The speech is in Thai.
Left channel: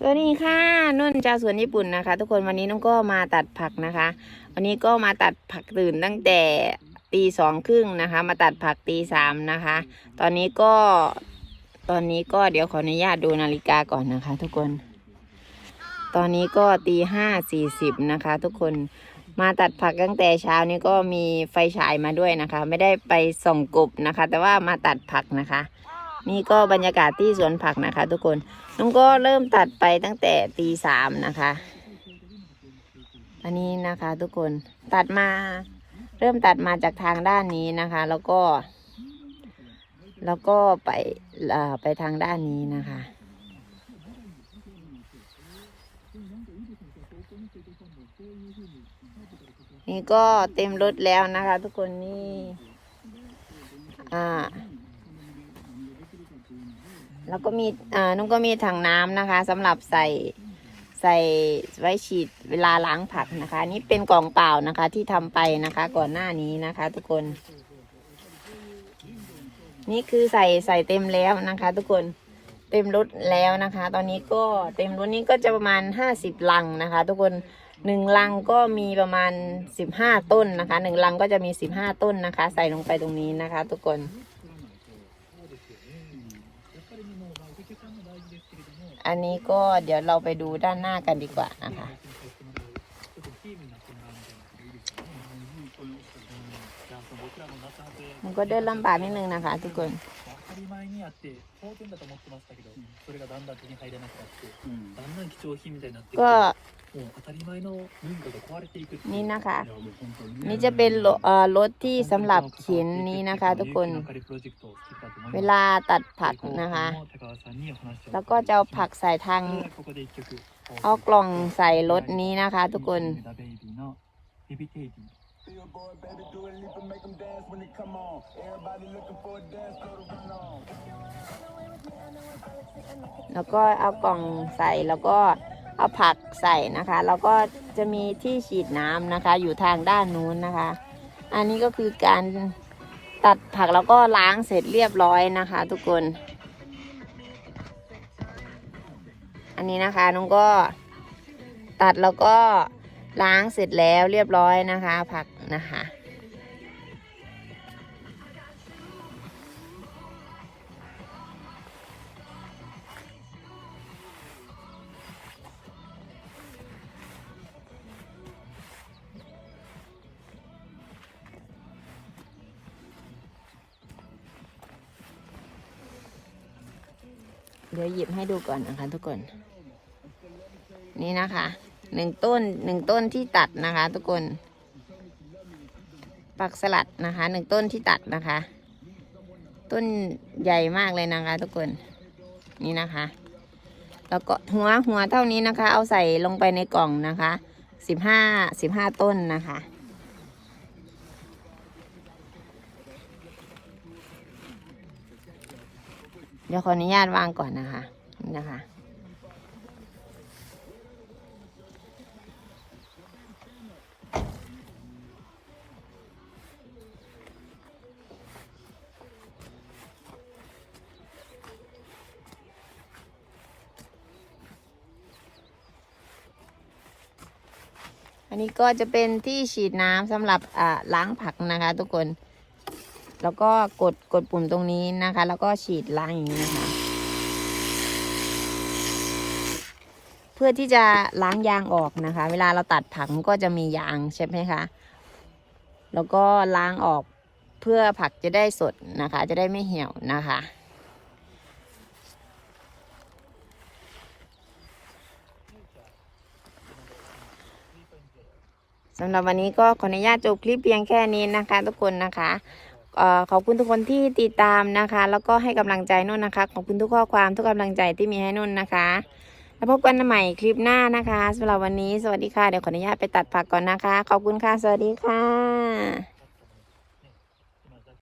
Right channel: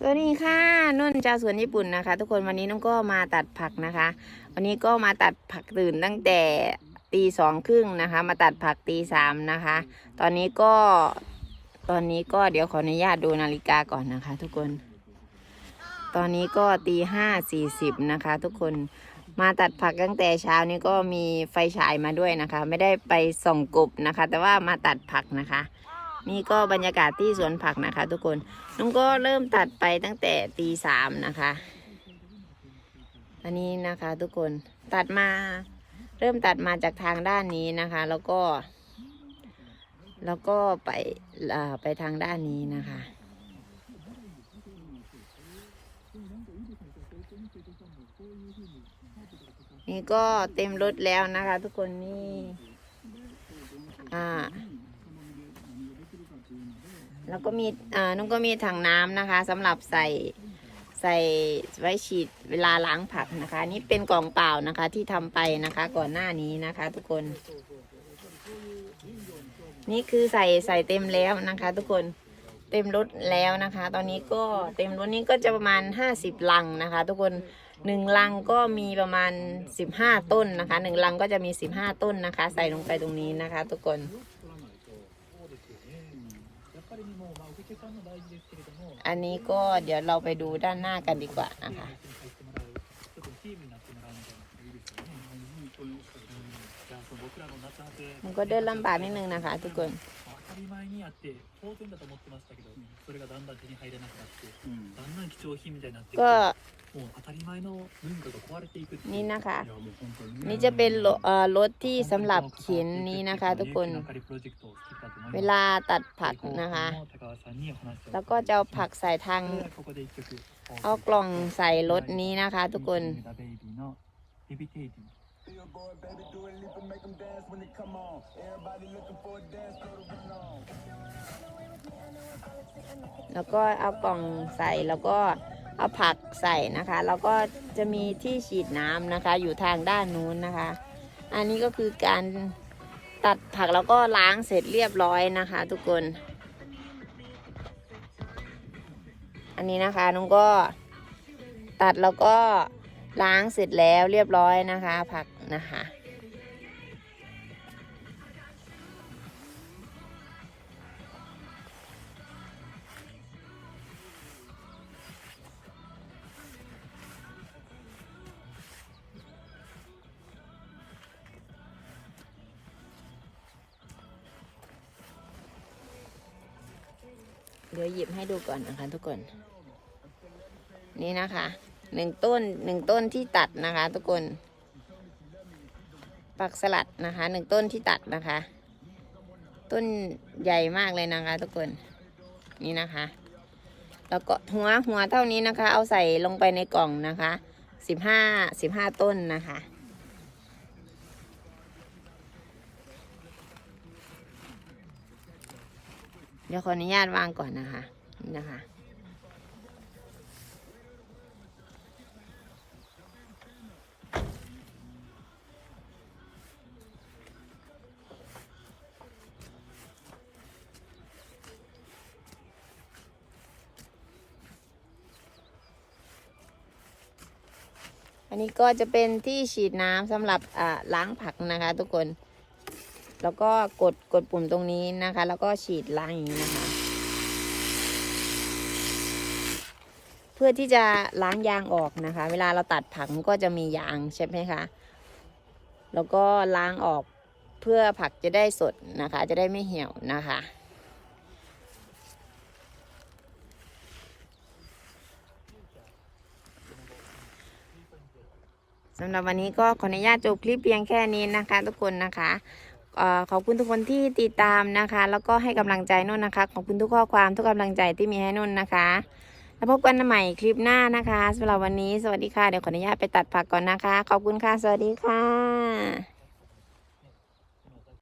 สวัสดีค่ะนุ่นชาวสวนญี่ปุ่นนะคะ ทุกคนวันนี้น้องก็มาตัดผักนะคะ วันนี้ก็มาตัดผักตื่นตั้งแต่ตีสองครึ่งนะคะ มาตัดผักตีสามนะคะ ตอนนี้ก็ตอนนี้ก็เดี๋ยวขออนุญาตดูนาฬิกาก่อนนะคะ ทุกคน ตอนนี้ก็ตีห้าสี่สิบนะคะ ทุกคนมาตัดผักตั้งแต่เช้านี้ก็มีไฟฉายมาด้วยนะคะ ไม่ได้ไปส่องกบนะคะ แต่ว่ามาตัดผักนะคะ นี่ก็บรรยากาศที่สวนผักนะคะ ทุกคนน้องก็เริ่มตัดไปตั้งแต่ตีสามนะคะ อันนี้นะคะทุกคนตัดมาเริ่มตัดมาจากทางด้านนี้นะคะ แล้วก็ แล้วก็ไปอ่าไปทางด้านนี้นะคะ นี่ก็เต็มรถแล้วนะคะ ทุกคนนี่อ่า แล้วก็มีอ่านุ่นก็มีถังน้ำนะคะสำหรับใส่ใส่ไว้ฉีดเวลาล้างผักนะคะนี่เป็นกล่องเปล่านะคะที่ทำไปนะคะ ก่อนหน้านี้นะคะ ทุกคน นี่คือใส่ใส่เต็มแล้วนะคะ ทุกคนเต็มรถแล้วนะคะ ตอนนี้ก็เต็มรถนี้ก็จะประมาณห้าสิบลังนะคะ ทุกคนหนึ่งลังก็มีประมาณสิบห้าต้นนะคะหนึ่งลังก็จะมีสิบห้าต้นนะคะ ใส่ลงไปตรงนี้นะคะ ทุกคน อันนี้ก็เดี๋ยวเราไปดูด้านหน้ากันดีกว่านะคะมันก็เดินลำบากนิดนึงนะคะทุกคน り前にあって当然だと思ってましたけどそれがだんだん手に入らなくなってだんだん貴重品みたいになってきて ก็ もう当たり前の文化が壊れていくっていう นี่นะคะ いやもう本当に นี่จะเป็นรถเอ่อรถที่สำหรับเข็นนี้นะคะ ทุกคน เวลาตัดผักนะคะ แล้วก็จะเอาผักใส่ทาง เอากล่องใส่รถนี้นะคะ ทุกคน แล้วก็เอากล่องใส่แล้วก็เอาผักใส่นะคะ แล้วก็จะมีที่ฉีดน้ำนะคะ อยู่ทางด้านนู้นนะคะ อันนี้ก็คือการตัดผักแล้วก็ล้างเสร็จเรียบร้อยนะคะ ทุกคน อันนี้นะคะนุ้งก็ตัดแล้วก็ล้างเสร็จแล้วเรียบร้อยนะคะ ผักนะคะ เดี๋ยวหยิบให้ดูก่อนนะคะทุกคน นี่นะคะหนึ่งต้นหนึ่งต้นที่ตัดนะคะ ทุกคน ปักสลัดนะคะหนึ่งต้นที่ตัดนะคะ ต้นใหญ่มากเลยนะคะ ทุกคนนี่นะคะ แล้วก็หัวหัวเท่านี้นะคะ เอาใส่ลงไปในกล่องนะคะสิบห้าสิบห้าต้นนะคะ เดี๋ยวขออนุญาตวางก่อนนะคะนี่นะคะอันนี้ก็จะเป็นที่ฉีดน้ำสำหรับอ่าล้างผักนะคะ ทุกคน แล้วก็กดกดปุ่มตรงนี้นะคะ แล้วก็ฉีดล้างอย่างนี้นะคะ เพื่อที่จะล้างยางออกนะคะ เวลาเราตัดผักก็จะมียางใช่ไหมคะ แล้วก็ล้างออกเพื่อผักจะได้สดนะคะ จะได้ไม่เหี่ยวนะคะสำหรับวันนี้ก็ขออนุญาตจบคลิปเพียงแค่นี้นะคะ ทุกคนนะคะ ขอบคุณทุกคนที่ติดตามนะคะ แล้วก็ให้กำลังใจนุ่นนะคะ ขอบคุณทุกข้อความทุกกำลังใจที่มีให้นุ่นนะคะ แล้วพบกันใหม่คลิปหน้านะคะสำหรับวันนี้สวัสดีค่ะ เดี๋ยวขออนุญาตไปตัดผักก่อนนะคะ ขอบคุณค่ะ สวัสดีค่ะ